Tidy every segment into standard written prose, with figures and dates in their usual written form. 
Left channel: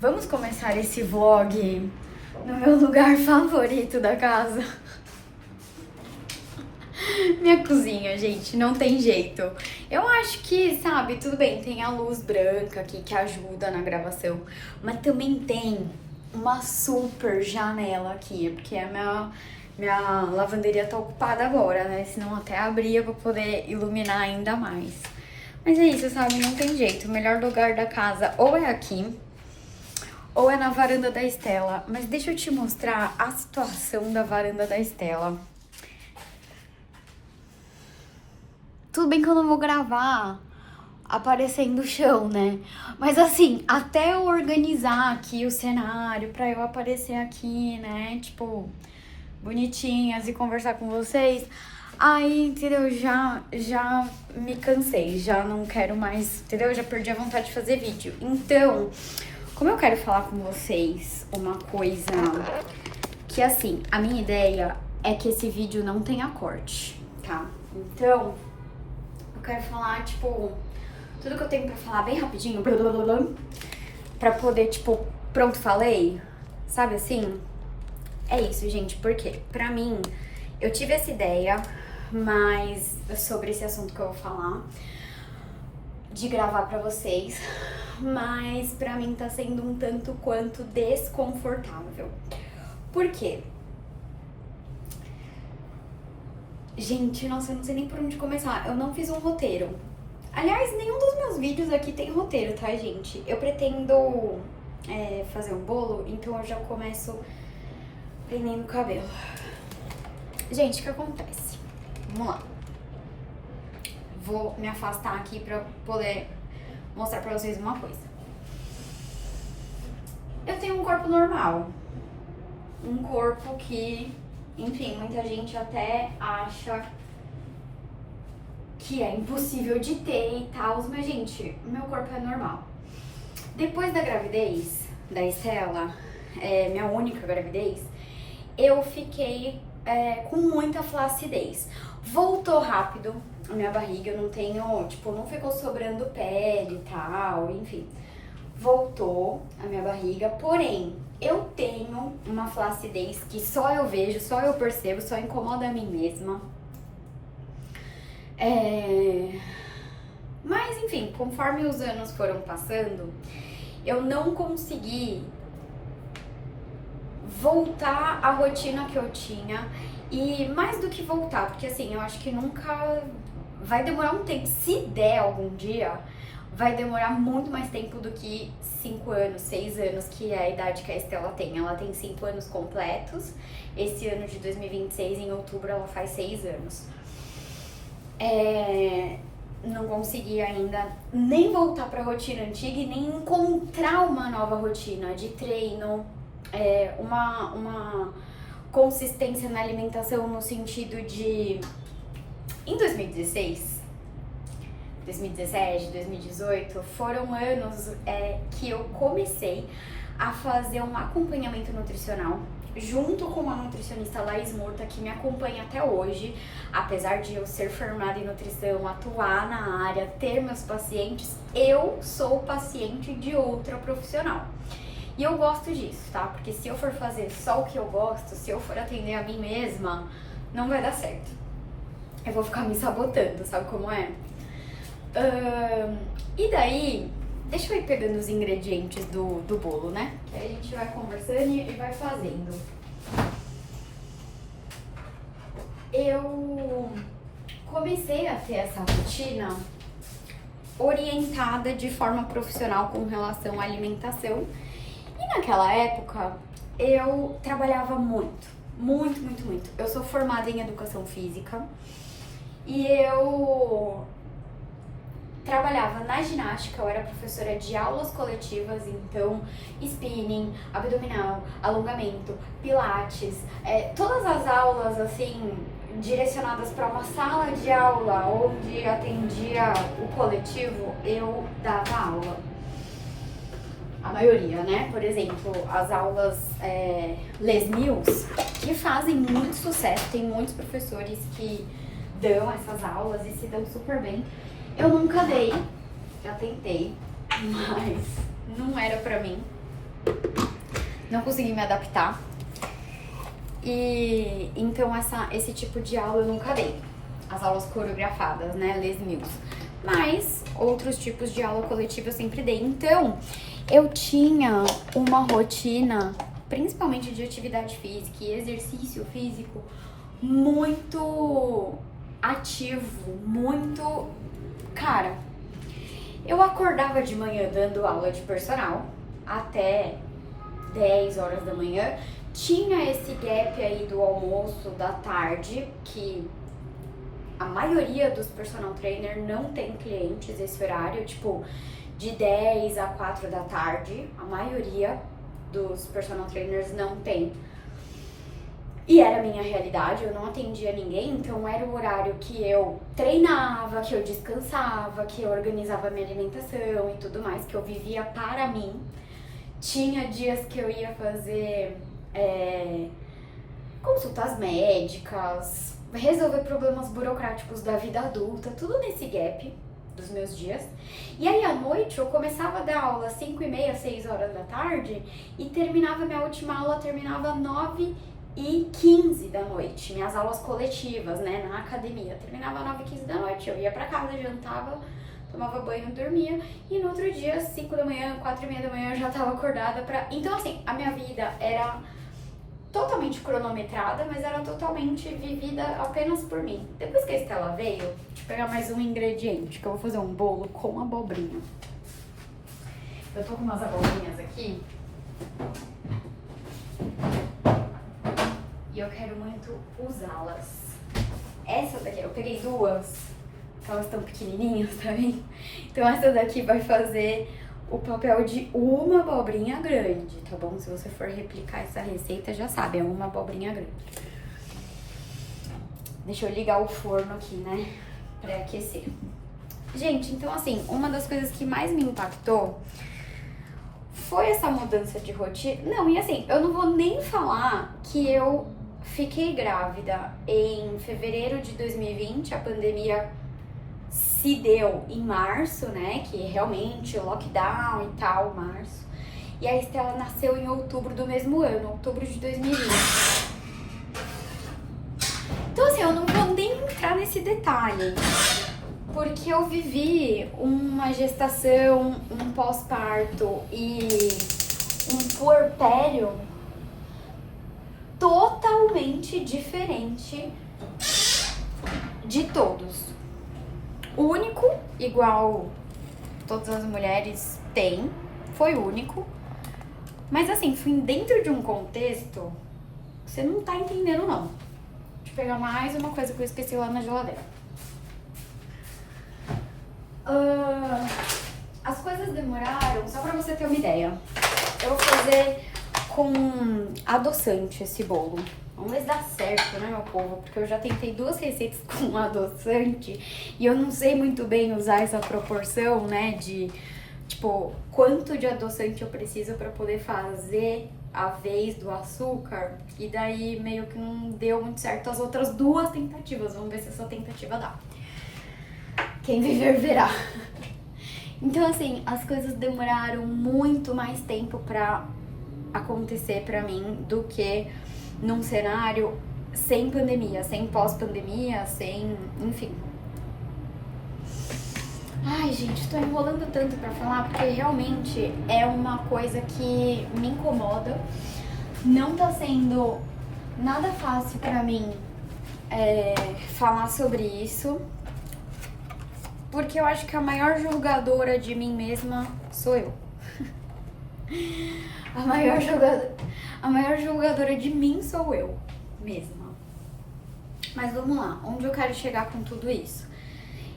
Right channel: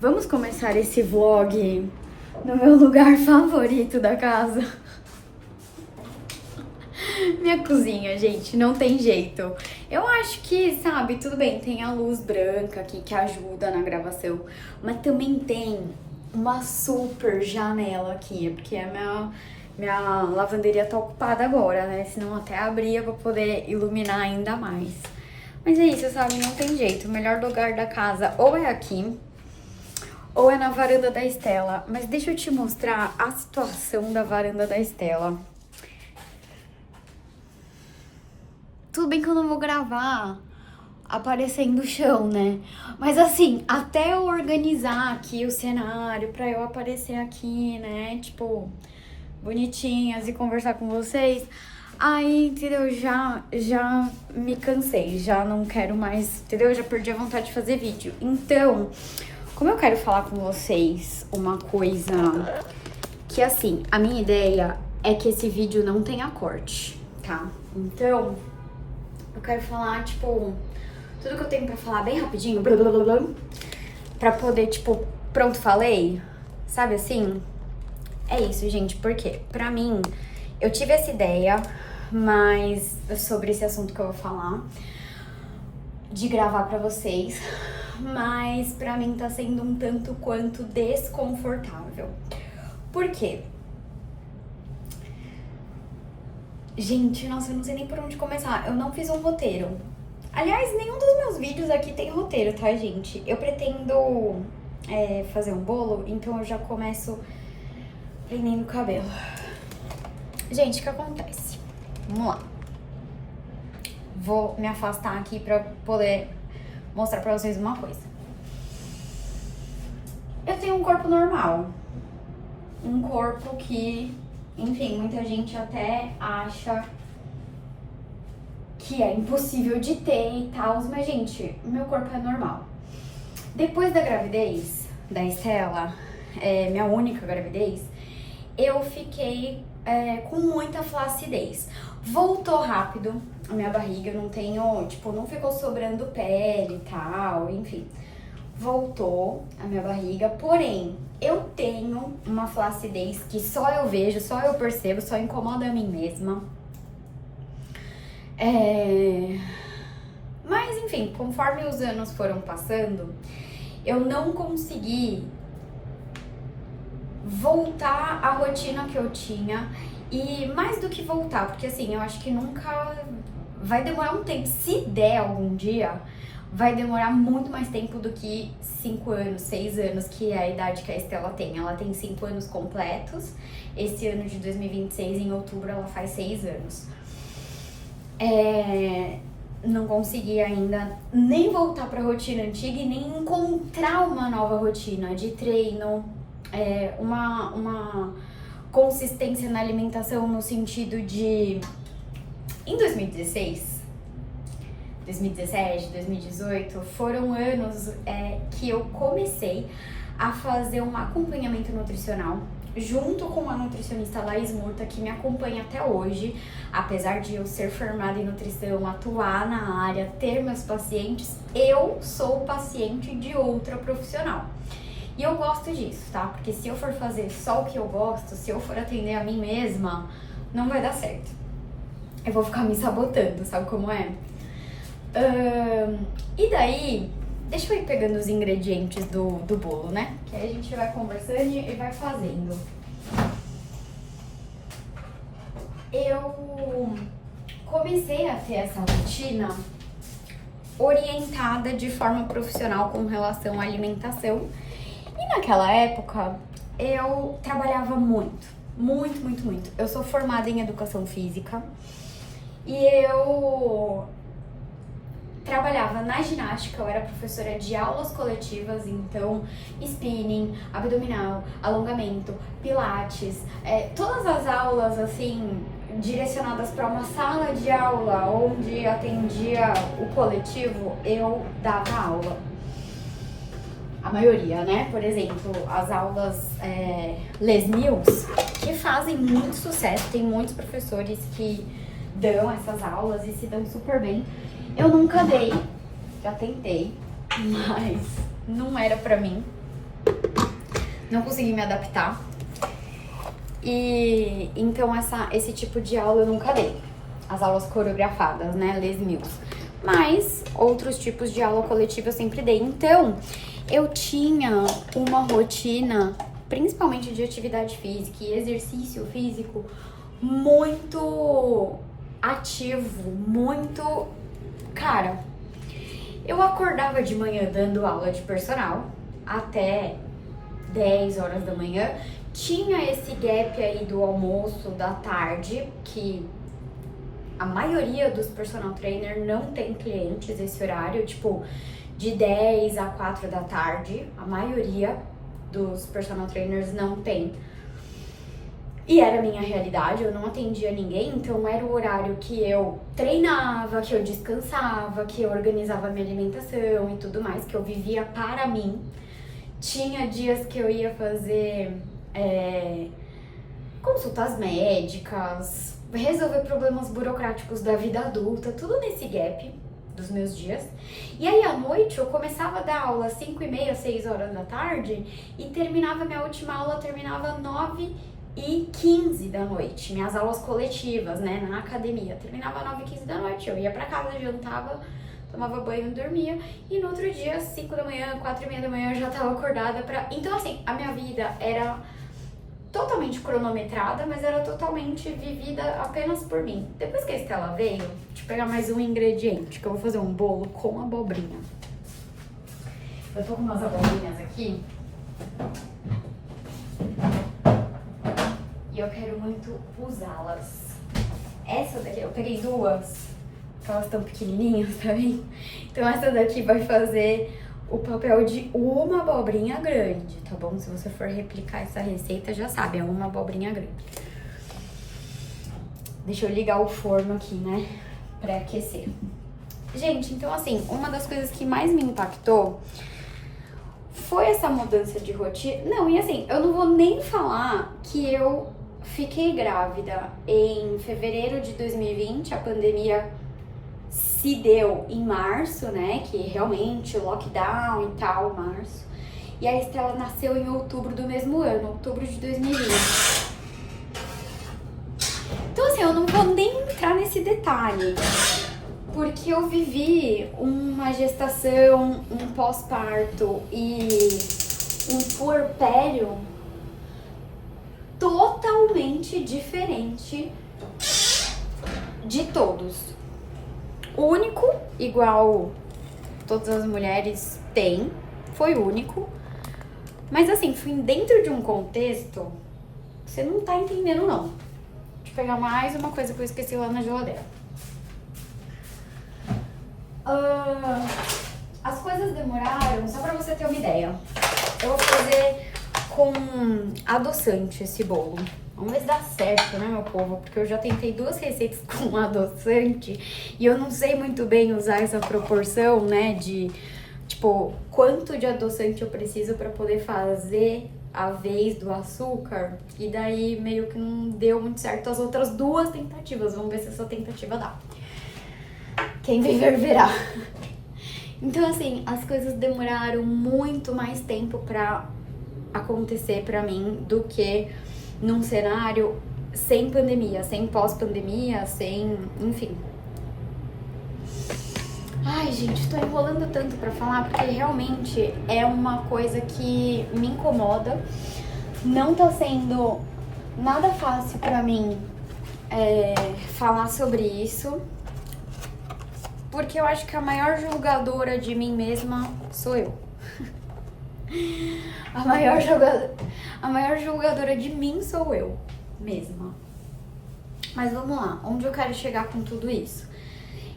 Vamos começar esse vlog no meu lugar favorito da casa. Minha cozinha, gente, não tem jeito. Eu acho que, sabe, tudo bem, tem a luz branca aqui que ajuda na gravação, mas também tem uma super janela aqui, porque a minha lavanderia tá ocupada agora, né? Senão até abria pra poder iluminar ainda mais. Mas é isso, sabe, não tem jeito. O melhor lugar da casa ou é aqui, ou é na varanda da Estela. Mas deixa eu te mostrar a situação da varanda da Estela. Tudo bem que eu não vou gravar aparecendo o chão, né? Mas assim, até eu organizar aqui o cenário pra eu aparecer aqui, né? Tipo, bonitinhas e conversar com vocês. Aí, entendeu? Já me cansei, já não quero mais, entendeu? Já perdi a vontade de fazer vídeo. Então, como eu quero falar com vocês uma coisa que, assim, a minha ideia é que esse vídeo não tenha corte, tá? Então, eu quero falar, tipo, tudo que eu tenho pra falar bem rapidinho, blá, blá, blá, blá, pra poder, tipo, pronto, falei, sabe assim? É isso, gente, porque pra mim, eu tive essa ideia, mas sobre esse assunto que eu vou falar, de gravar pra vocês, mas pra mim tá sendo um tanto quanto desconfortável. Por quê? Gente, nossa, eu não sei nem por onde começar. Eu não fiz um roteiro. Aliás, nenhum dos meus vídeos aqui tem roteiro, tá, gente? Eu pretendo fazer um bolo, então eu já começo prendendo o cabelo. Gente, o que acontece? Vamos lá. Vou me afastar aqui pra poder mostrar pra vocês uma coisa. Eu tenho um corpo normal. Um corpo que, enfim, muita gente até acha que é impossível de ter e tal, mas, gente, meu corpo é normal. Depois da gravidez da Estela, minha única gravidez, eu fiquei com muita flacidez. Voltou rápido a minha barriga, eu não tenho, tipo, não ficou sobrando pele e tal, enfim. Voltou a minha barriga, porém, eu tenho uma flacidez que só eu vejo, só eu percebo, só incomoda a mim mesma. Mas, enfim, conforme os anos foram passando, eu não consegui voltar à rotina que eu tinha. E mais do que voltar, porque assim, eu acho que nunca vai demorar um tempo. Se der algum dia, vai demorar muito mais tempo do que 5 anos, 6 anos, que é a idade que a Estela tem. Ela tem 5 anos completos. Esse ano de 2026, em outubro, ela faz 6 anos. Não consegui ainda nem voltar pra rotina antiga e nem encontrar uma nova rotina de treino, uma consistência na alimentação no sentido de... Em 2016, 2017, 2018, foram anos que eu comecei a fazer um acompanhamento nutricional junto com a nutricionista Laís Murta, que me acompanha até hoje, apesar de eu ser formada em nutrição, atuar na área, ter meus pacientes, eu sou paciente de outra profissional. E eu gosto disso, tá? Porque se eu for fazer só o que eu gosto, se eu for atender a mim mesma, não vai dar certo. Eu vou ficar me sabotando, sabe como é? E daí, deixa eu ir pegando os ingredientes do bolo, né? Que aí a gente vai conversando e vai fazendo. Eu comecei a ter essa rotina orientada de forma profissional com relação à alimentação. E naquela época, eu trabalhava muito. Eu sou formada em educação física e eu trabalhava na ginástica, eu era professora de aulas coletivas, então spinning, abdominal, alongamento, pilates, todas as aulas assim direcionadas para uma sala de aula onde atendia o coletivo, eu dava aula. A maioria, né? Por exemplo, as aulas Les Mills, que fazem muito sucesso, tem muitos professores que dão essas aulas e se dão super bem. Eu nunca dei, já tentei, mas não era pra mim. não consegui me adaptar. E então esse tipo de aula eu nunca dei. As aulas coreografadas, né, Les Mills. Mas outros tipos de aula coletiva eu sempre dei. Então, eu tinha uma rotina, principalmente de atividade física e exercício físico, muito ativo, muito... Cara, eu acordava de manhã dando aula de personal até 10 horas da manhã. Tinha esse gap aí do almoço, da tarde, que a maioria dos personal trainer não tem clientes esse horário, tipo, de 10 a 4 da tarde. A maioria dos personal trainers não tem. E era a minha realidade, eu não atendia ninguém, então era o horário que eu treinava, que eu descansava, que eu organizava minha alimentação e tudo mais, que eu vivia para mim. Tinha dias que eu ia fazer consultas médicas, resolver problemas burocráticos da vida adulta, tudo nesse gap dos meus dias. E aí à noite eu começava a dar aula às 5h30, 6 horas da tarde e terminava, minha última aula terminava 9h15 da noite, minhas aulas coletivas, né, na academia, terminava 9h15 da noite, eu ia pra casa, jantava, tomava banho e dormia, e no outro dia, 5 da manhã, 4h30 da manhã, eu já tava acordada pra... Então, assim, a minha vida era totalmente cronometrada, mas era totalmente vivida apenas por mim. Depois que a Estela veio, deixa eu pegar mais um ingrediente, que eu vou fazer um bolo com abobrinha. Eu tô com umas abobrinhas aqui, e eu quero muito usá-las. Essa daqui, eu peguei duas, que elas estão pequenininhas também. Então essa daqui vai fazer o papel de uma abobrinha grande, tá bom? Se você for replicar essa receita, já sabe, é uma abobrinha grande. Deixa eu ligar o forno aqui, né, pra aquecer. Gente, então assim, uma das coisas que mais me impactou foi essa mudança de rotina. Não, e assim, eu não vou nem falar que eu fiquei grávida em fevereiro de 2020, a pandemia se deu em março, né, que realmente o lockdown e tal, março. E a Estela nasceu em outubro do mesmo ano, outubro de 2020. Então assim, eu não vou nem entrar nesse detalhe, porque eu vivi uma gestação, um pós-parto e um puerpério totalmente diferente de todos. Único, igual todas as mulheres têm, foi único. Mas assim, fui dentro de um contexto que você não tá entendendo, não. Deixa eu pegar mais uma coisa que eu esqueci lá na geladeira. As coisas demoraram, só pra você ter uma ideia. Eu vou fazer com adoçante esse bolo. Vamos ver se dá certo, né, meu povo? Porque eu já tentei 2 receitas com adoçante e eu não sei muito bem usar essa proporção, né, de, tipo, quanto de adoçante eu preciso pra poder fazer a vez do açúcar. E daí meio que não deu muito certo as outras 2 tentativas. Vamos ver se essa tentativa dá. Quem viver verá. Então, assim, as coisas demoraram muito mais tempo pra acontecer pra mim do que num cenário sem pandemia, sem pós-pandemia, sem... enfim. Ai, gente, tô enrolando tanto pra falar porque realmente é uma coisa que me incomoda. Não tá sendo nada fácil pra mim falar sobre isso, porque eu acho que a maior julgadora de mim mesma sou eu. A maior julgadora de mim sou eu mesma. Mas vamos lá, onde eu quero chegar com tudo isso?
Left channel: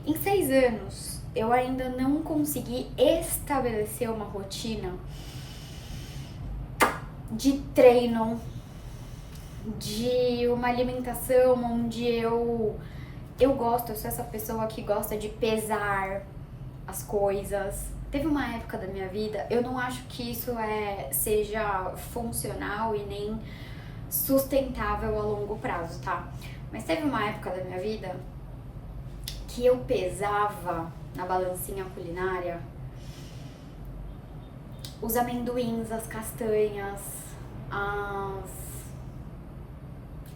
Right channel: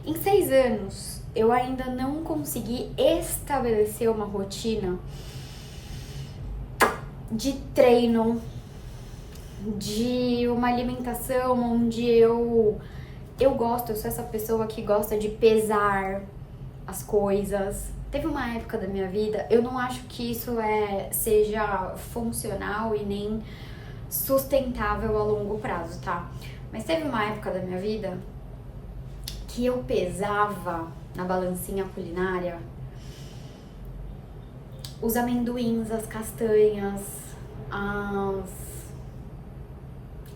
Em 6 anos, eu ainda não consegui estabelecer uma rotina de treino, de uma alimentação onde eu gosto, eu sou essa pessoa que gosta de pesar as coisas. Teve uma época da minha vida, eu não acho que isso seja funcional e nem sustentável a longo prazo, tá? Mas teve uma época da minha vida que eu pesava na balancinha culinária os amendoins, as castanhas,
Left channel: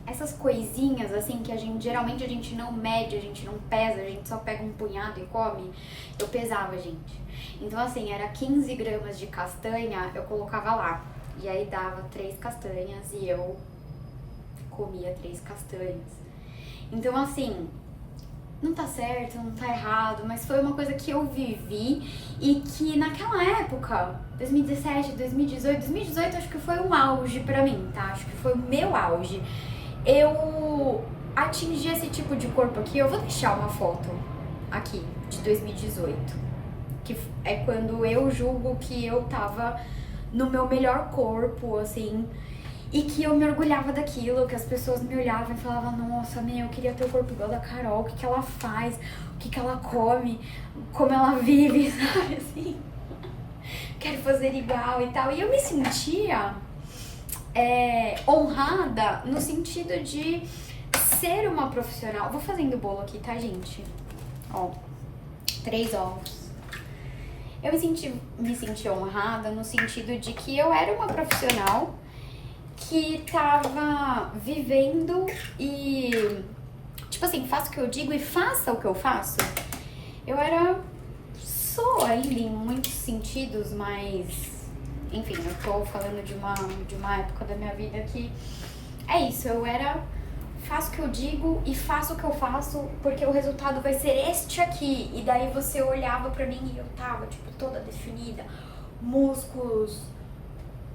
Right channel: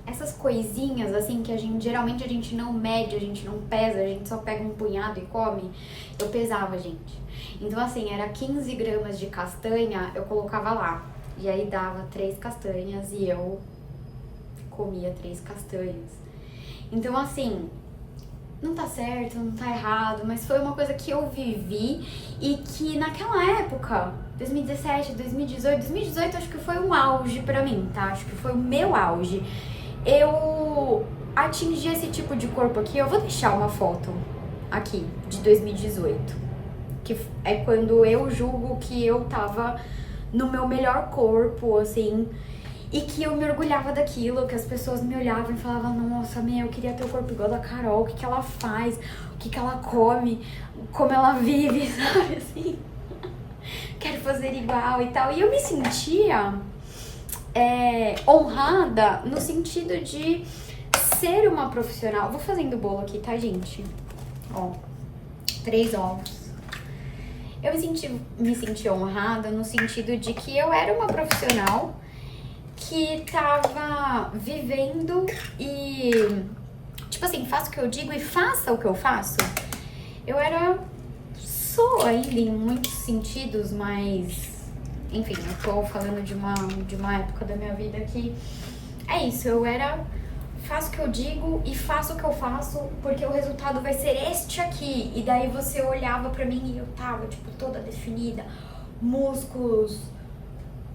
essas coisinhas, assim, que geralmente a gente não mede, a gente não pesa, a gente só pega um punhado e come, eu pesava, gente. Então, assim, era 15 gramas de castanha, eu colocava lá. E aí dava 3 castanhas e eu comia 3 castanhas. Então, assim, não tá certo, não tá errado, mas foi uma coisa que eu vivi e que naquela época, 2017, 2018 acho que foi um auge pra mim, tá? Acho que foi o meu auge. Eu atingi esse tipo de corpo aqui, eu vou deixar uma foto aqui, de 2018, que é quando eu julgo que eu tava no meu melhor corpo, assim, e que eu me orgulhava daquilo, que as pessoas me olhavam e falavam, nossa, eu queria ter o corpo igual da Carol, o que ela faz, o que ela come, como ela vive, sabe, assim, quero fazer igual e tal, e eu me sentia honrada no sentido de ser uma profissional. Vou fazendo bolo aqui, tá, gente? Ó, 3 ovos. Eu me senti honrada no sentido de que eu era uma profissional que tava vivendo e, tipo assim, faço o que eu digo e faça o que eu faço. Sou ainda em muitos sentidos, mas enfim, eu tô falando de uma época da minha vida que é isso, faço o que eu digo e faço o que eu faço porque o resultado vai ser este aqui. E daí você olhava pra mim e eu tava, tipo, toda definida, músculos,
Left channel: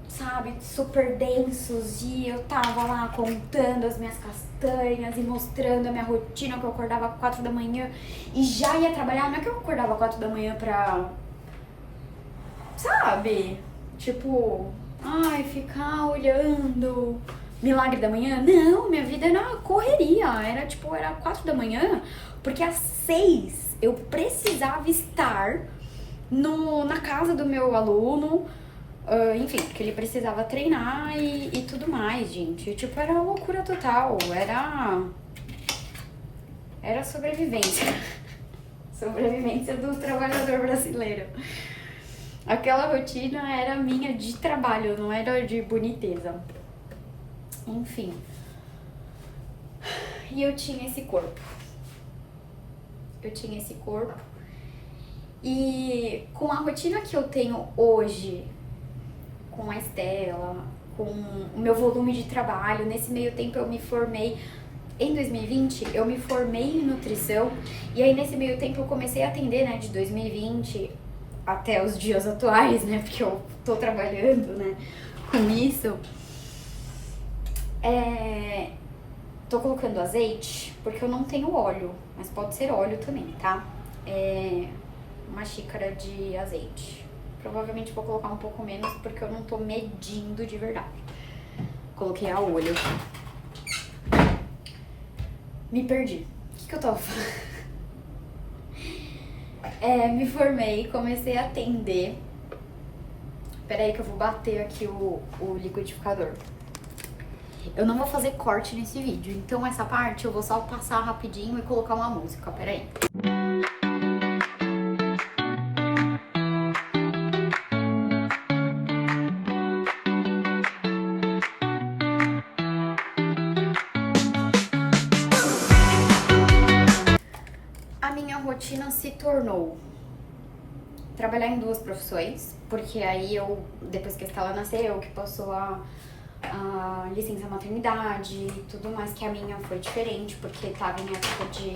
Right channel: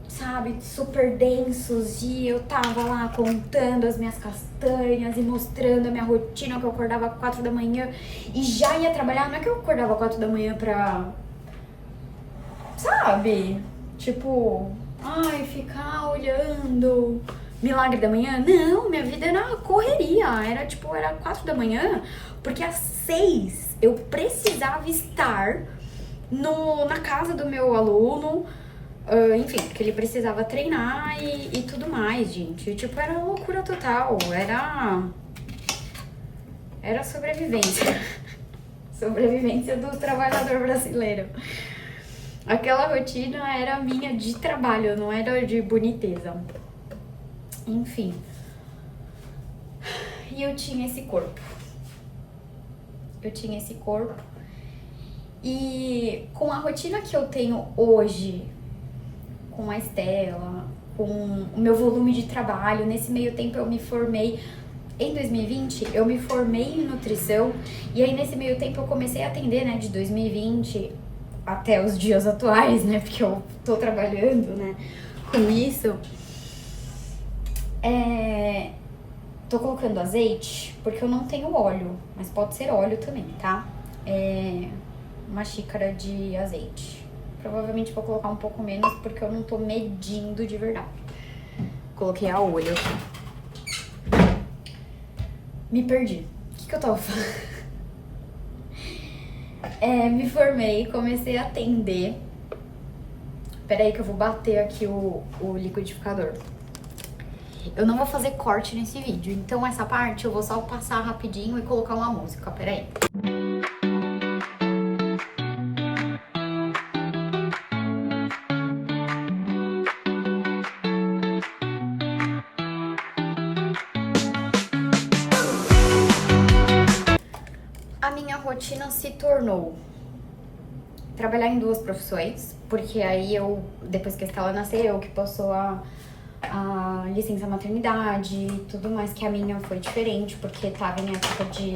sabe, super densos, e eu tava lá contando as minhas castanhas e mostrando a minha rotina, que eu acordava 4 da manhã e já ia trabalhar. Não é que eu acordava 4 da manhã pra, sabe, tipo, ficar olhando milagre da manhã. Não, minha vida era correria, era 4 da manhã, porque às 6 eu precisava estar na casa do meu aluno, enfim, porque ele precisava treinar e tudo mais, gente. Tipo, era loucura total, era sobrevivência. Sobrevivência do trabalhador brasileiro. Aquela rotina era minha de trabalho, não era de boniteza. Enfim. E eu tinha esse corpo. E com a rotina que eu tenho hoje, com a Estela, com o meu volume de trabalho, nesse meio tempo eu me formei. Em 2020, eu me formei em nutrição. E aí, nesse meio tempo, eu comecei a atender, né, de 2020 até os dias atuais, né, porque eu tô trabalhando, né, com isso. Tô colocando azeite, porque eu não tenho óleo, mas pode ser óleo também, tá? Uma xícara de azeite. Provavelmente vou colocar um pouco menos, porque eu não tô medindo de verdade. Coloquei a olho aqui. Me perdi. O que eu tava falando? Me formei, comecei a atender. Peraí que eu vou bater aqui o liquidificador. Eu não vou fazer corte nesse vídeo, então essa parte eu vou só passar rapidinho e colocar uma música, peraí. A minha rotina se tornou trabalhar em 2 profissões, porque aí depois que a Estela nasceu, que passou a licença maternidade e tudo mais, que a minha foi diferente, porque tava em época de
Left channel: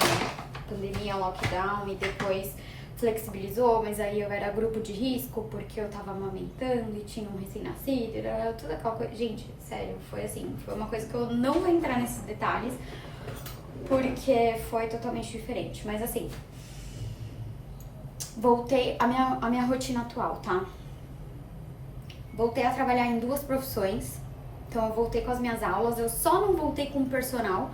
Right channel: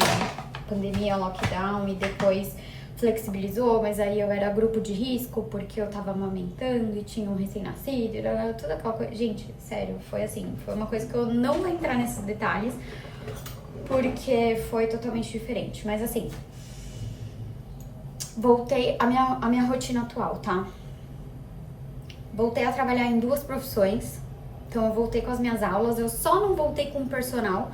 pandemia, lockdown, e depois flexibilizou, mas aí eu era grupo de risco, porque eu tava amamentando e tinha um recém-nascido, toda aquela coisa. Gente, sério, foi assim, foi uma coisa que eu não vou entrar nesses detalhes, porque foi totalmente diferente, mas assim, voltei a minha rotina atual, tá? Voltei a trabalhar em 2 profissões, então eu voltei com as minhas aulas, eu só não voltei com personal,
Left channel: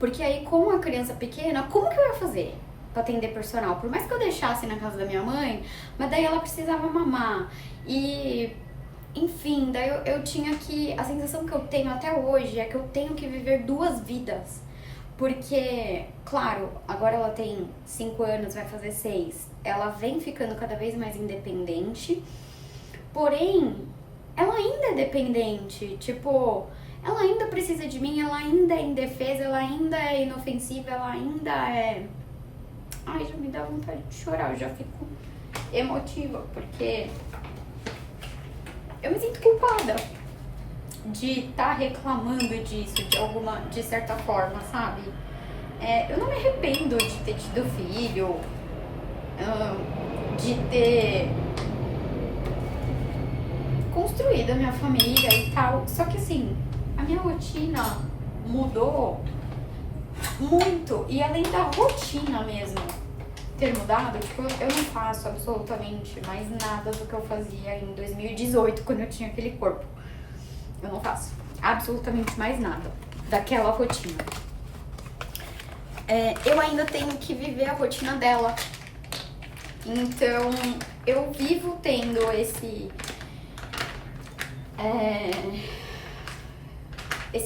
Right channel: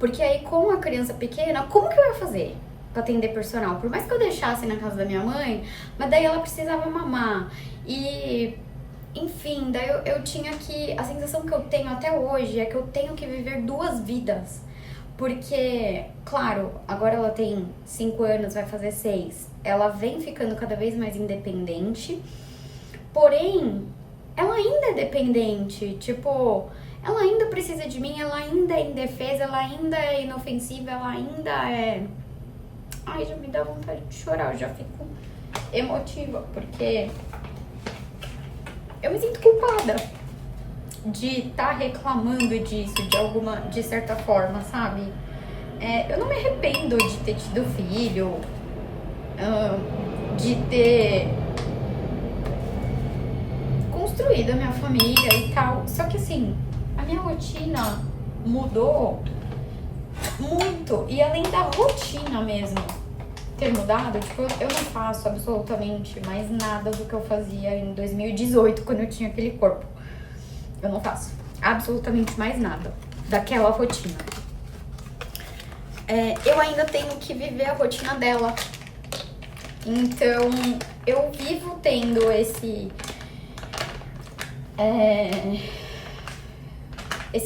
porque aí com uma criança pequena, como que eu ia fazer pra atender personal? Por mais que eu deixasse na casa da minha mãe, mas daí ela precisava mamar, e enfim, daí eu tinha que, a sensação que eu tenho até hoje é que eu tenho que viver 2 vidas. Porque, claro, agora ela tem 5 anos, vai fazer 6. Ela vem ficando cada vez mais independente. Porém, ela ainda é dependente. Tipo, ela ainda precisa de mim, ela ainda é indefesa, ela ainda é inofensiva, ela ainda é... Ai, já me dá vontade de chorar, eu já fico emotiva, porque eu me sinto culpada de estar reclamando disso de certa forma, sabe? Eu não me arrependo de ter tido filho, de ter construído a minha família e tal. Só que assim, a minha rotina mudou muito. E além da rotina mesmo ter mudado, tipo, eu não faço absolutamente mais nada do que eu fazia em 2018, quando eu tinha aquele corpo. Eu não faço absolutamente mais nada daquela rotina. Eu ainda tenho que viver a rotina dela. Então, eu vivo tendo esse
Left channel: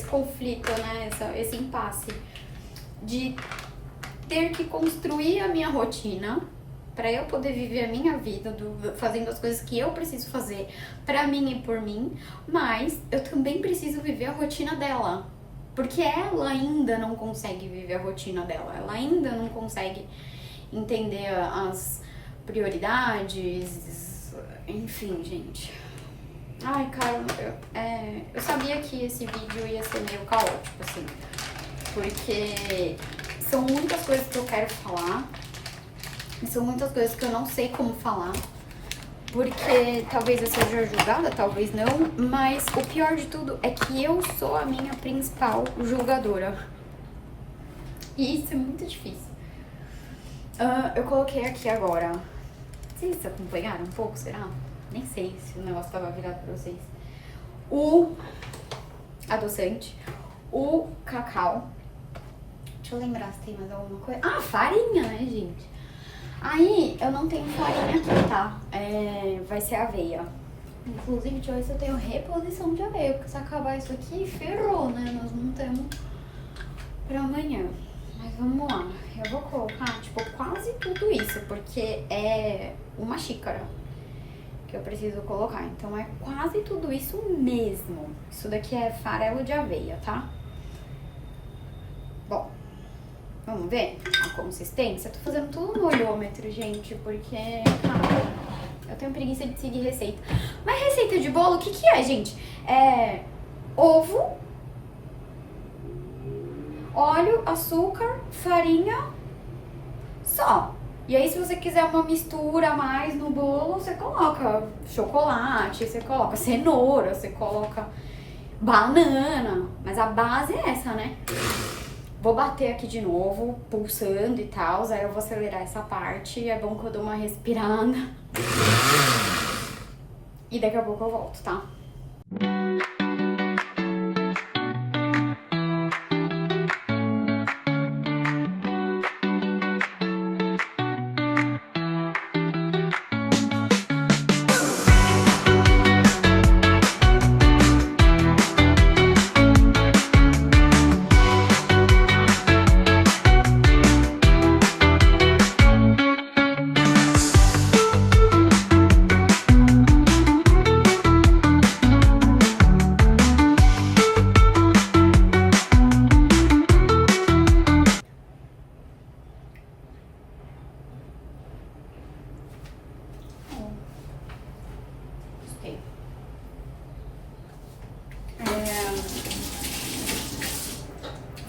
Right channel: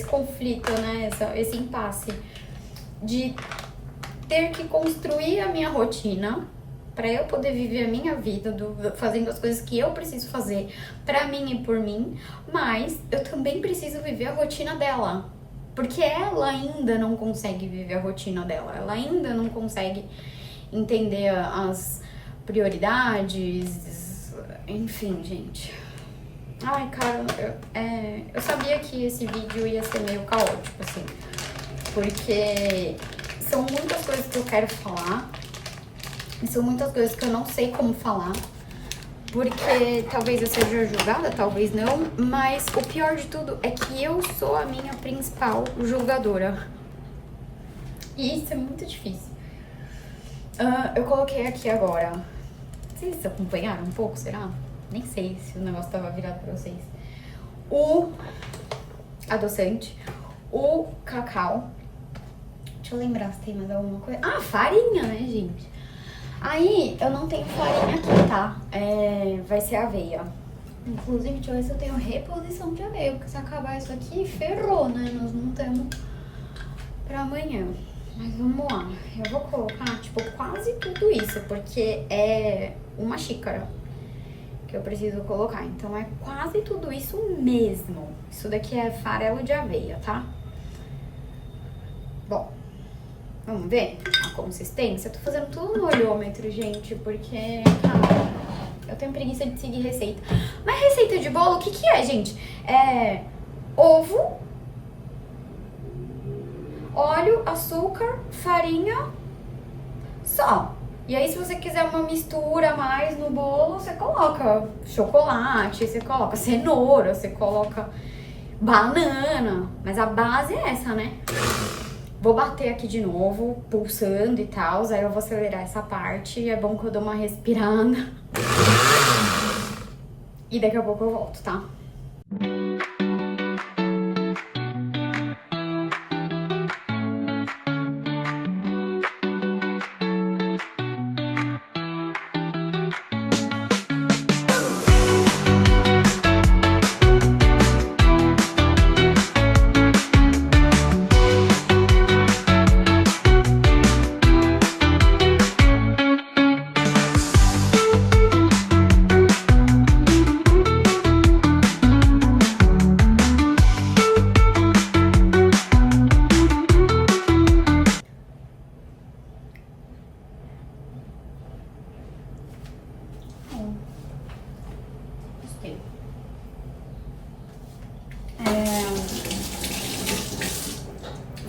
conflito, né? Esse impasse de ter que construir a minha rotina para eu poder viver a minha vida, fazendo as coisas que eu preciso fazer pra mim e por mim, mas eu também preciso viver a rotina dela, porque ela ainda não consegue viver a rotina dela, ela ainda não consegue entender as prioridades, enfim, gente. Ai, cara, eu sabia que esse vídeo ia ser meio caótico, assim, porque são muitas coisas que eu quero falar, são muitas coisas que eu não sei como falar, porque talvez eu seja julgada, talvez não, mas o pior de tudo é que eu sou a minha principal julgadora. E isso é muito difícil. Eu coloquei aqui agora. Vocês acompanharam um pouco, será? Nem sei se o negócio tava virado pra vocês. O adoçante, o cacau. Deixa eu lembrar se tem mais alguma coisa. Ah, farinha, né, gente? Aí, eu não tenho farinha aqui, tá? Vai ser aveia. Inclusive, deixa eu ver se eu tenho reposição de aveia, porque se acabar isso aqui, ferrou, né? Nós não temos pra amanhã. Mas vamos lá. Eu vou colocar, tipo, quase tudo isso, porque é uma xícara que eu preciso colocar. Então, é quase tudo isso mesmo. Isso daqui é farelo de aveia, tá? Bom, vamos ver a consistência? Eu tô fazendo tudo no olhômetro, gente, porque, cara, eu tenho preguiça de seguir receita. Mas receita de bolo, o que que é, gente? Ovo, óleo, açúcar, farinha, só. E aí, se você quiser uma mistura a mais no bolo, você coloca chocolate, você coloca cenoura, você coloca banana. Mas a base é essa, né? Vou bater aqui de novo, pulsando e tal, aí eu vou acelerar essa parte. É bom que eu dou uma respirada. E daqui a pouco eu volto, tá?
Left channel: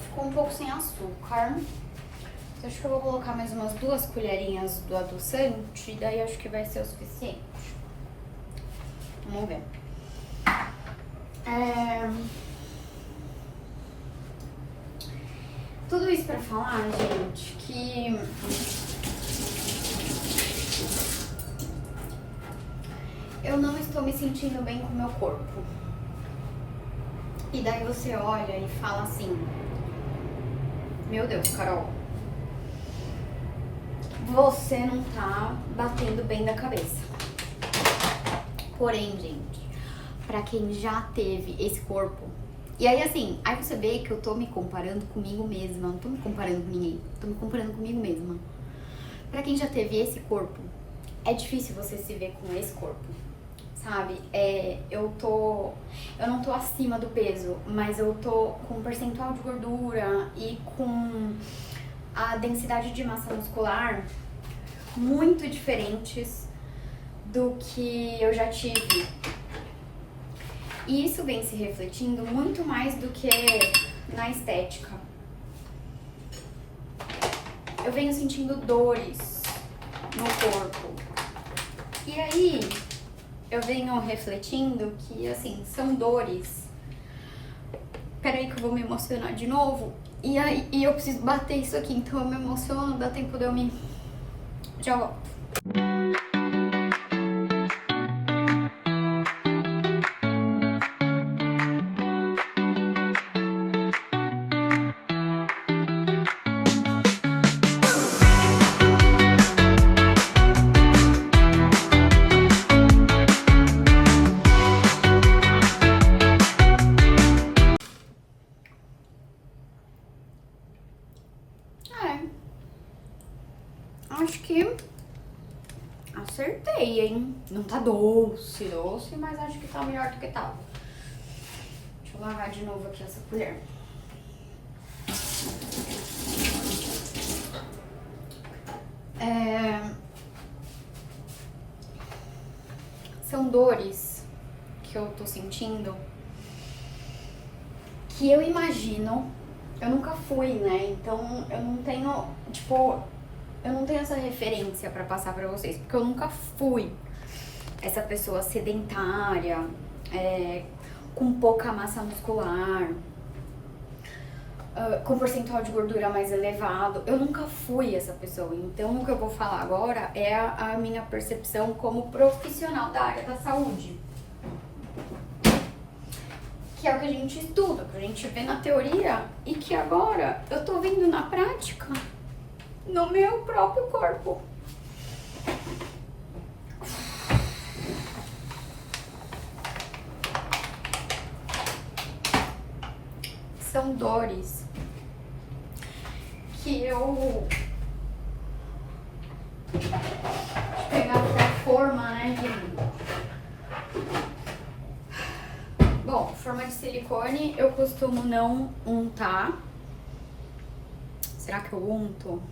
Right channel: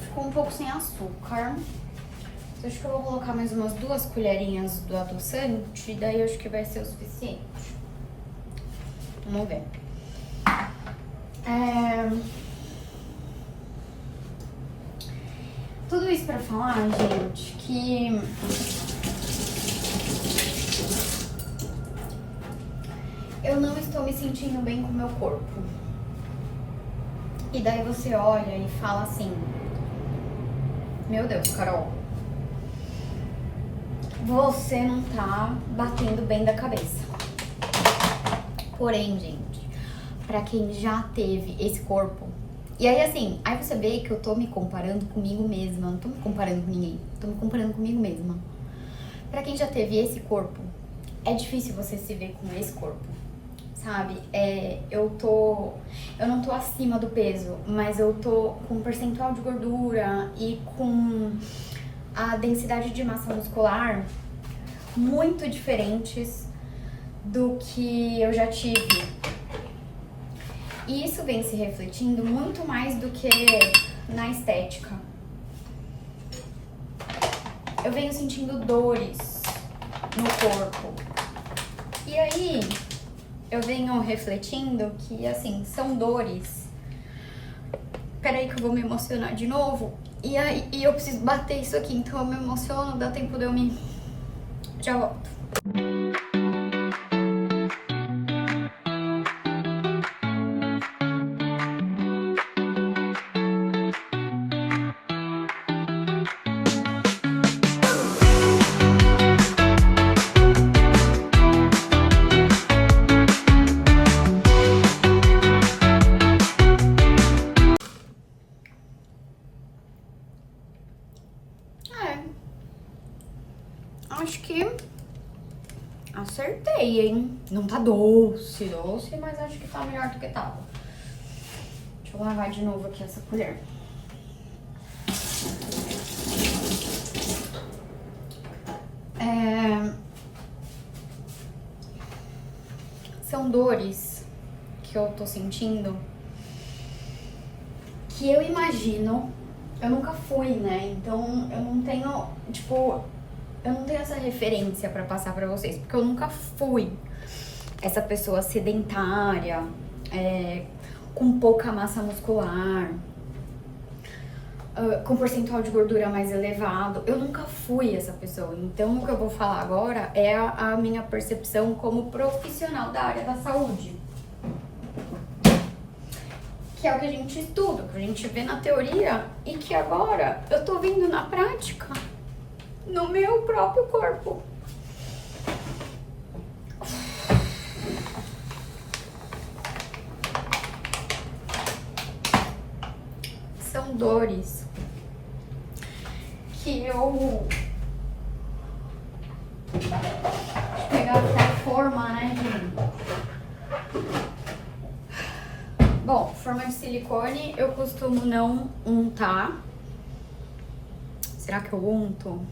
Ficou um pouco sem açúcar. Então, acho que eu vou colocar mais umas 2 colherinhas do adoçante, daí acho que vai ser o suficiente. Vamos ver. Tudo isso pra falar, gente, que eu não estou me sentindo bem com o meu corpo. E daí você olha e fala assim: meu Deus, Carol, você não tá batendo bem da cabeça. Porém, gente, pra quem já teve esse corpo, e aí assim, aí você vê que eu tô me comparando comigo mesma, não tô me comparando com ninguém, tô me comparando comigo mesma. Pra quem já teve esse corpo, é difícil você se ver com esse corpo, sabe? Eu não tô acima do peso, mas eu tô com um percentual de gordura e com a densidade de massa muscular muito diferentes do que eu já tive. E isso vem se refletindo muito mais do que na estética. Eu venho sentindo dores no corpo. E aí, eu venho refletindo que, assim, são dores. Peraí que eu vou me emocionar de novo. E eu preciso bater isso aqui, então eu me emociono, dá tempo de eu me... Já volto. Acho que acertei, hein? Não tá doce, mas acho que tá melhor do que tava. Deixa eu lavar de novo aqui essa colher. São dores que eu tô sentindo que eu imagino, eu nunca fui, né? Então eu não tenho, tipo, eu não tenho essa referência pra passar pra vocês, porque eu nunca fui essa pessoa sedentária, com pouca massa muscular, com percentual de gordura mais elevado. Eu nunca fui essa pessoa. Então o que eu vou falar agora é a minha percepção como profissional da área da saúde. Que é o que a gente estuda, que a gente vê na teoria e que agora eu tô vendo na prática, no meu próprio corpo. São dores que eu... Deixa eu pegar a forma, né, Bom, forma de silicone eu costumo não untar. Será que eu unto?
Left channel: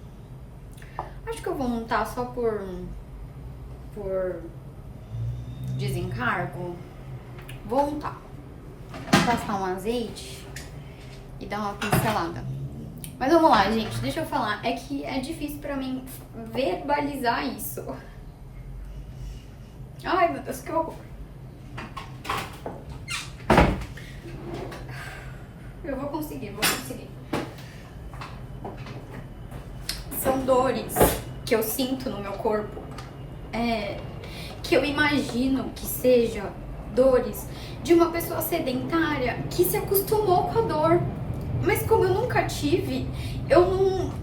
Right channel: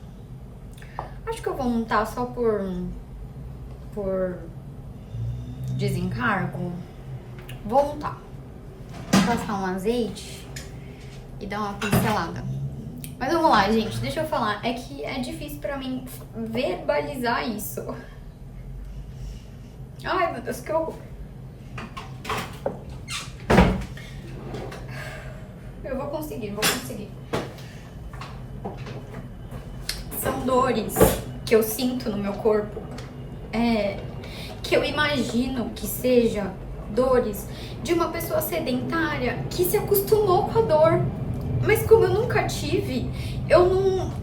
Acho que eu vou untar só por desencargo. Vou untar. Passar um azeite e dar uma pincelada. Mas vamos lá, gente, deixa eu falar. É que é difícil pra mim verbalizar isso. Ai, meu Deus, que horror. Eu vou conseguir. São dores que eu sinto no meu corpo, que eu imagino que seja dores de uma pessoa sedentária que se acostumou com a dor. Mas como eu nunca tive, eu não,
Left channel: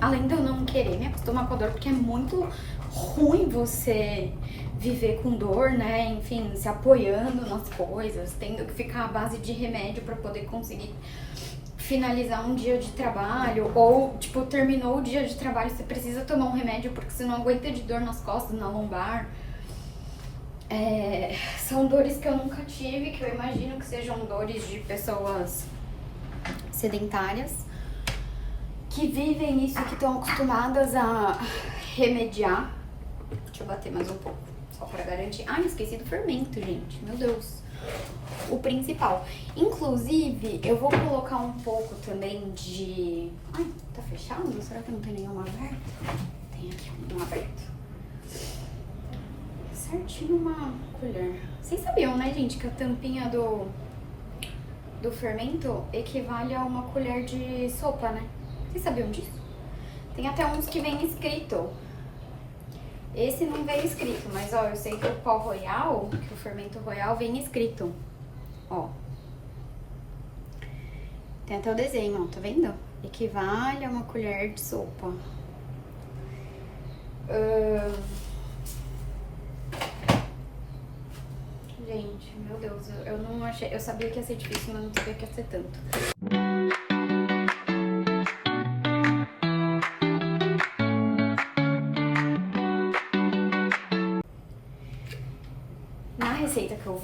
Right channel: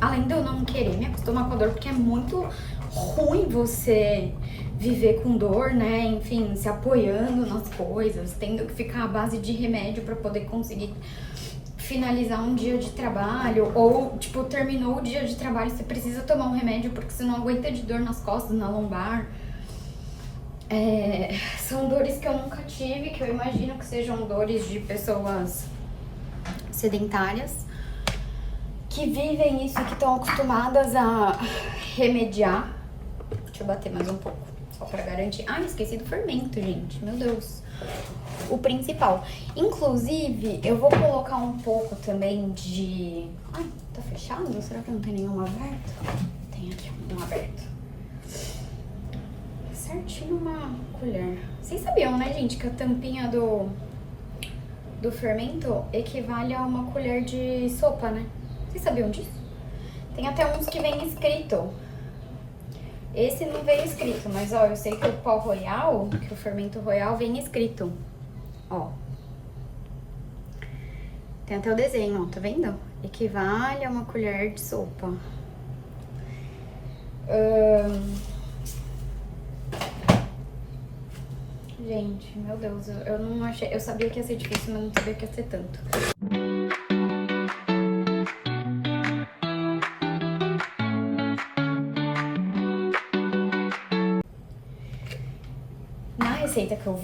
além de eu não querer me acostumar com a dor, porque é muito ruim você viver com dor, né? Enfim, se apoiando nas coisas, tendo que ficar à base de remédio pra poder conseguir finalizar um dia de trabalho, ou, tipo, terminou o dia de trabalho, você precisa tomar um remédio porque você não aguenta de dor nas costas, na lombar. São dores que eu nunca tive, que eu imagino que sejam dores de pessoas sedentárias, que vivem isso, que estão acostumadas a remediar. Deixa eu bater mais um pouco, só pra garantir. Ah, esqueci do fermento, gente, meu Deus. O principal. Inclusive, eu vou colocar um pouco também de... Ai, tá fechado? Será que não tem nenhum aberto? Tem aqui um aberto. Certinho uma colher. Vocês sabiam, né, gente, que a tampinha do fermento equivale a uma colher de sopa, né? Vocês sabiam disso? Tem até uns que vem escrito. Esse não vem escrito, mas ó, eu sei que o pó royal, que o fermento royal vem escrito. Ó. Tem até o desenho, ó, tá vendo? Equivale a uma colher de sopa. Gente, meu Deus, eu não achei... Eu sabia que ia ser difícil, mas não sabia que ia ser tanto.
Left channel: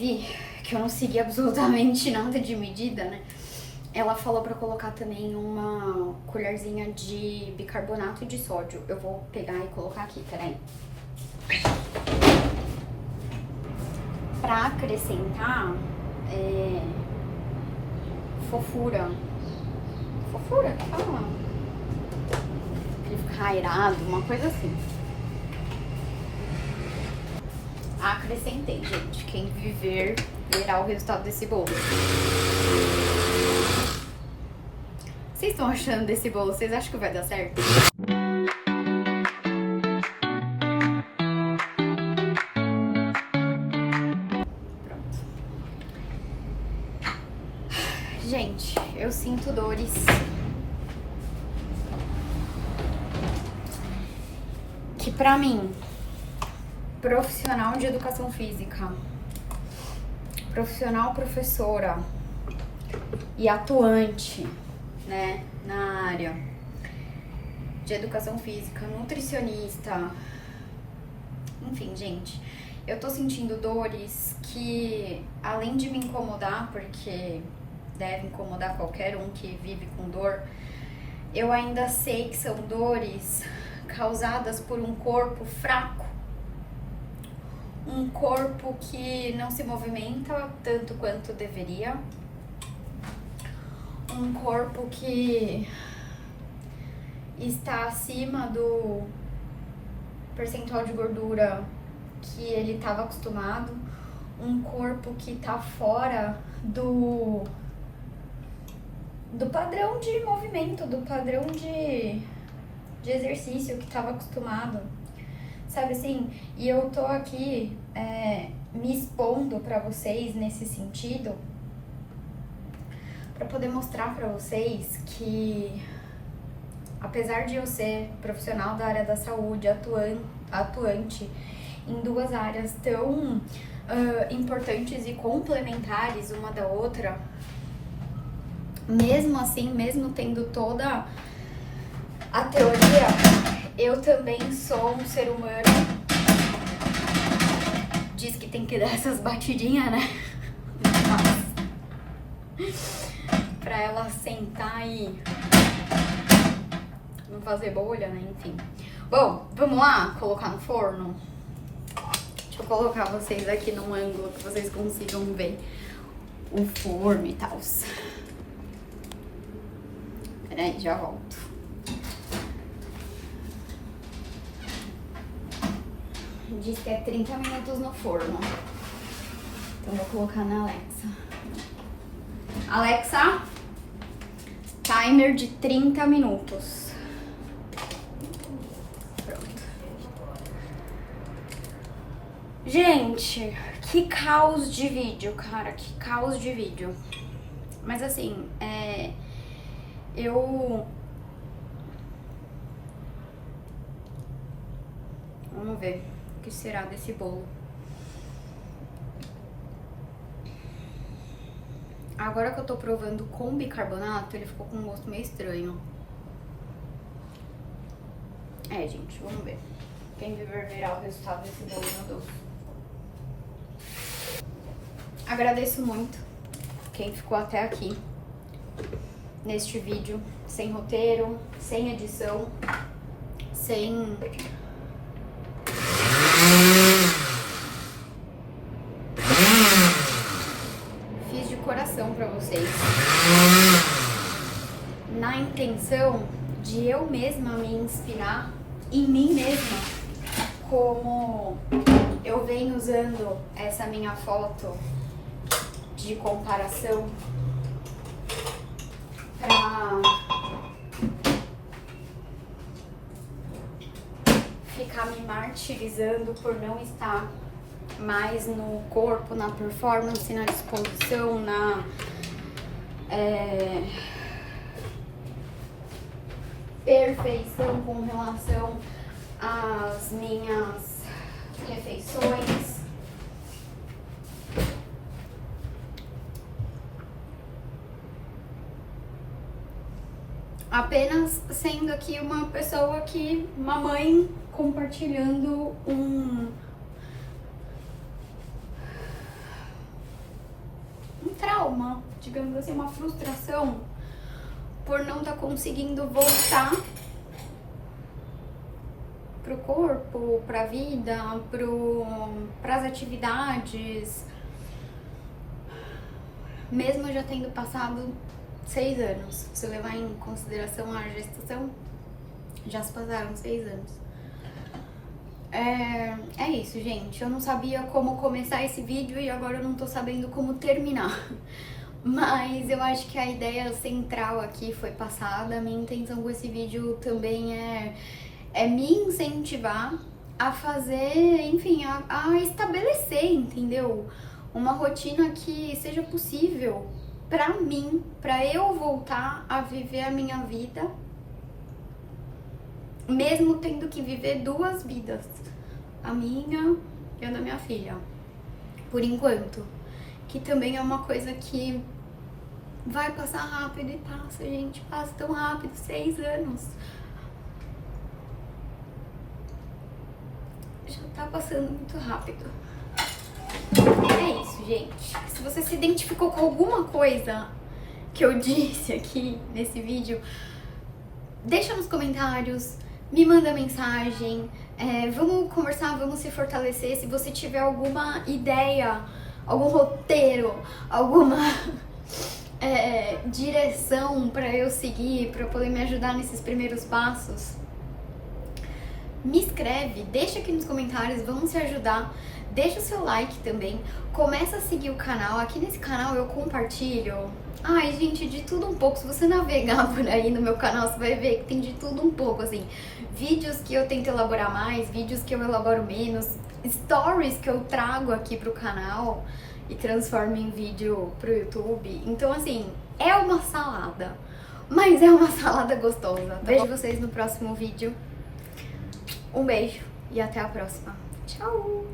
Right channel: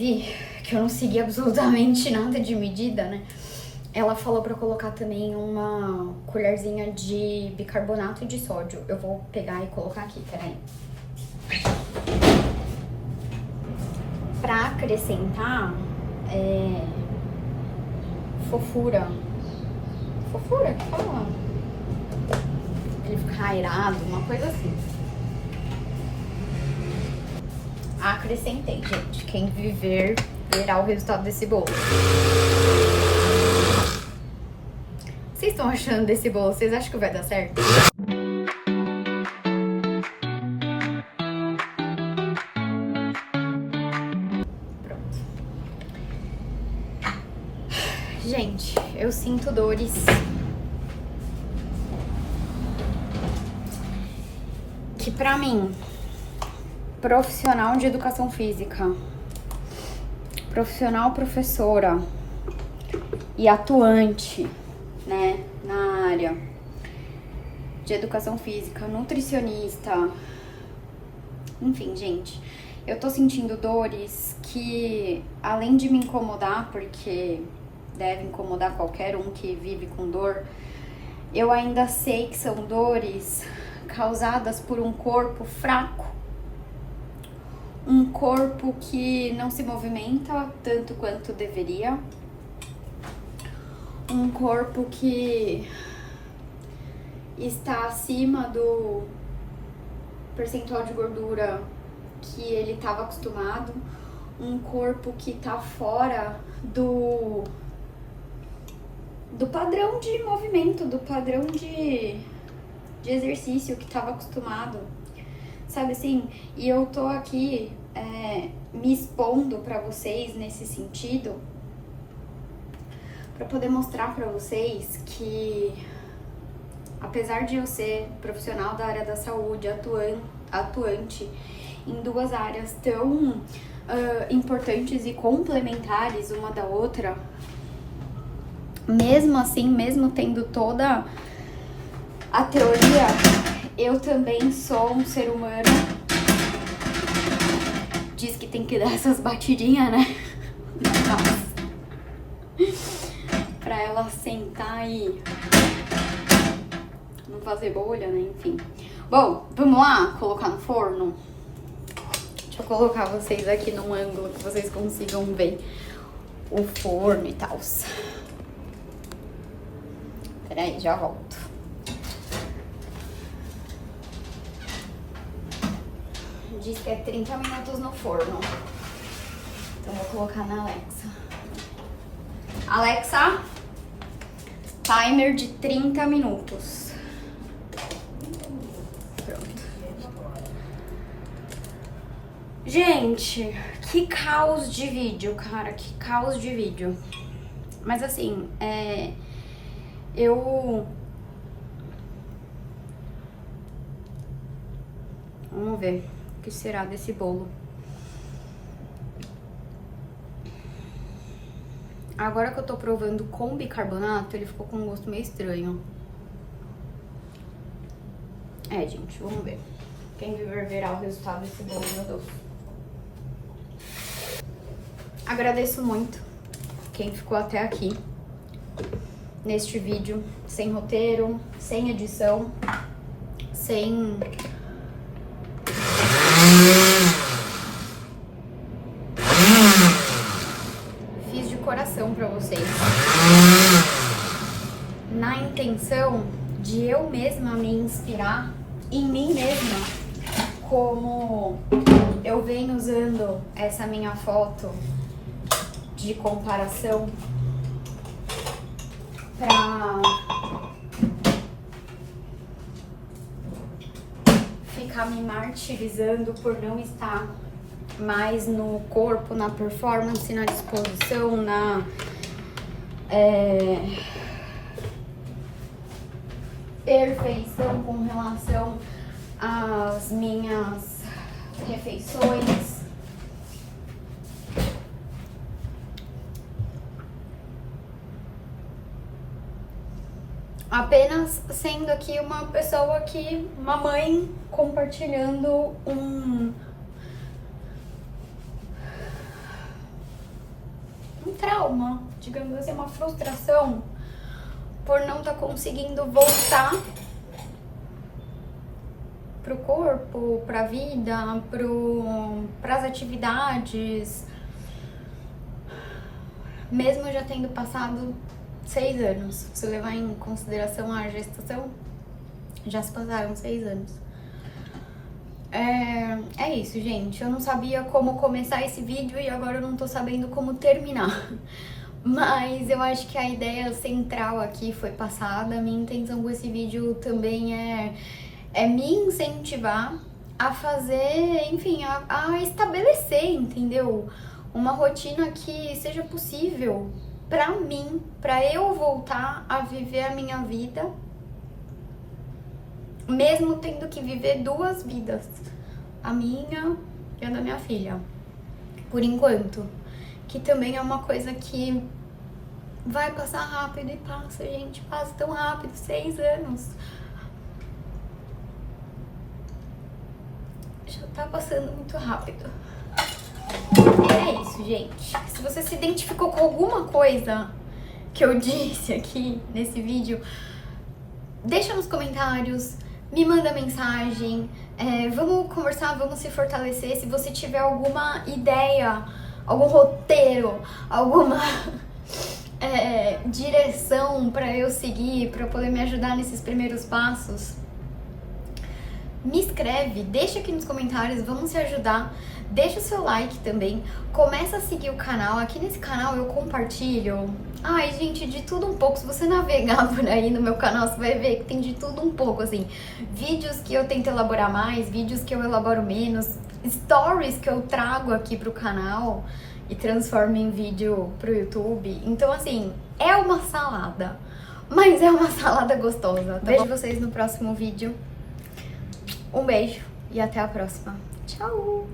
Vivi, que eu não segui absolutamente nada de medida, né? Ela falou pra eu colocar também uma colherzinha de bicarbonato de sódio. Eu vou pegar e colocar aqui, peraí. Pra acrescentar fofura. Fofura que fala? Ele fica airado, uma coisa assim. Acrescentei, gente. Quem viver verá o resultado desse bolo. Vocês estão achando desse bolo? Vocês acham que vai dar certo? Pronto. Gente, eu sinto dores. Que pra mim, profissional de educação física, profissional professora e atuante, né, na área de educação física, nutricionista, enfim, gente, eu tô sentindo dores que, além de me incomodar, porque deve incomodar qualquer um que vive com dor, eu ainda sei que são dores causadas por um corpo fraco, um corpo que não se movimenta tanto quanto deveria, um corpo que está acima do percentual de gordura que ele estava acostumado, um corpo que está fora do padrão de movimento, do padrão de exercício que estava acostumado, sabe assim? E eu tô aqui me expondo pra vocês nesse sentido, pra poder mostrar pra vocês que, apesar de eu ser profissional da área da saúde, atuante em duas áreas tão importantes e complementares uma da outra, mesmo assim, mesmo tendo toda a teoria, eu também sou um ser humano. Diz que tem que dar essas batidinhas, né? Pra ela sentar e não fazer bolha, né? Enfim. Bom, vamos lá colocar no forno? Deixa eu colocar vocês aqui num ângulo que vocês consigam ver o forno e tal. Peraí, já volto. Diz que é 30 minutos no forno. Então vou colocar na Alexa. Alexa, timer de 30 minutos. Pronto. Gente, que caos de vídeo, cara. Que caos de vídeo. Mas assim, vamos ver o que será desse bolo. Agora que eu tô provando com bicarbonato, ele ficou com um gosto meio estranho. Gente, vamos ver. Quem viver verá o resultado desse bolo, meu Deus. Agradeço muito quem ficou até aqui neste vídeo, sem roteiro, sem edição, sem... Fiz de coração pra vocês, na intenção de eu mesma me inspirar em mim mesma, como eu venho usando essa minha foto de comparação pra ficar me martirizando por não estar mais no corpo, na performance, na disposição, na perfeição com relação às minhas refeições. Apenas sendo aqui uma pessoa uma mãe um trauma, digamos assim, uma frustração por não estar conseguindo voltar pro corpo, pra vida, pras atividades, mesmo já tendo passado 6 anos. Se levar em consideração a gestação, já se passaram 6 anos. É isso, gente. Eu não sabia como começar esse vídeo e agora eu não tô sabendo como terminar. Mas eu acho que a ideia central aqui foi passada. A minha intenção com esse vídeo também é me incentivar a fazer, enfim, a estabelecer, entendeu? Uma rotina que seja possível pra mim, pra eu voltar a viver a minha vida, mesmo tendo que viver 2 vidas, a minha e a da minha filha, por enquanto. Que também é uma coisa que vai passar rápido e passa, gente, passa tão rápido, 6 anos. Já tá passando muito rápido. É isso, gente. Se você se identificou com alguma coisa que eu disse aqui nesse vídeo, deixa nos comentários, me manda mensagem, vamos conversar, vamos se fortalecer. Se você tiver alguma ideia, algum roteiro, alguma direção pra eu seguir, pra poder me ajudar nesses primeiros passos, me escreve, deixa aqui nos comentários, vamos se ajudar. Deixa o seu like também, começa a seguir o canal. Aqui nesse canal eu compartilho, ai gente, de tudo um pouco. Se você navegar por aí no meu canal, você vai ver que tem de tudo um pouco, assim. Vídeos que eu tento elaborar mais, vídeos que eu elaboro menos, stories que eu trago aqui pro canal e transformo em vídeo pro YouTube. Então assim, é uma salada, mas é uma salada gostosa, tá? Vejo vocês no próximo vídeo. Um beijo e até a próxima. Tchau!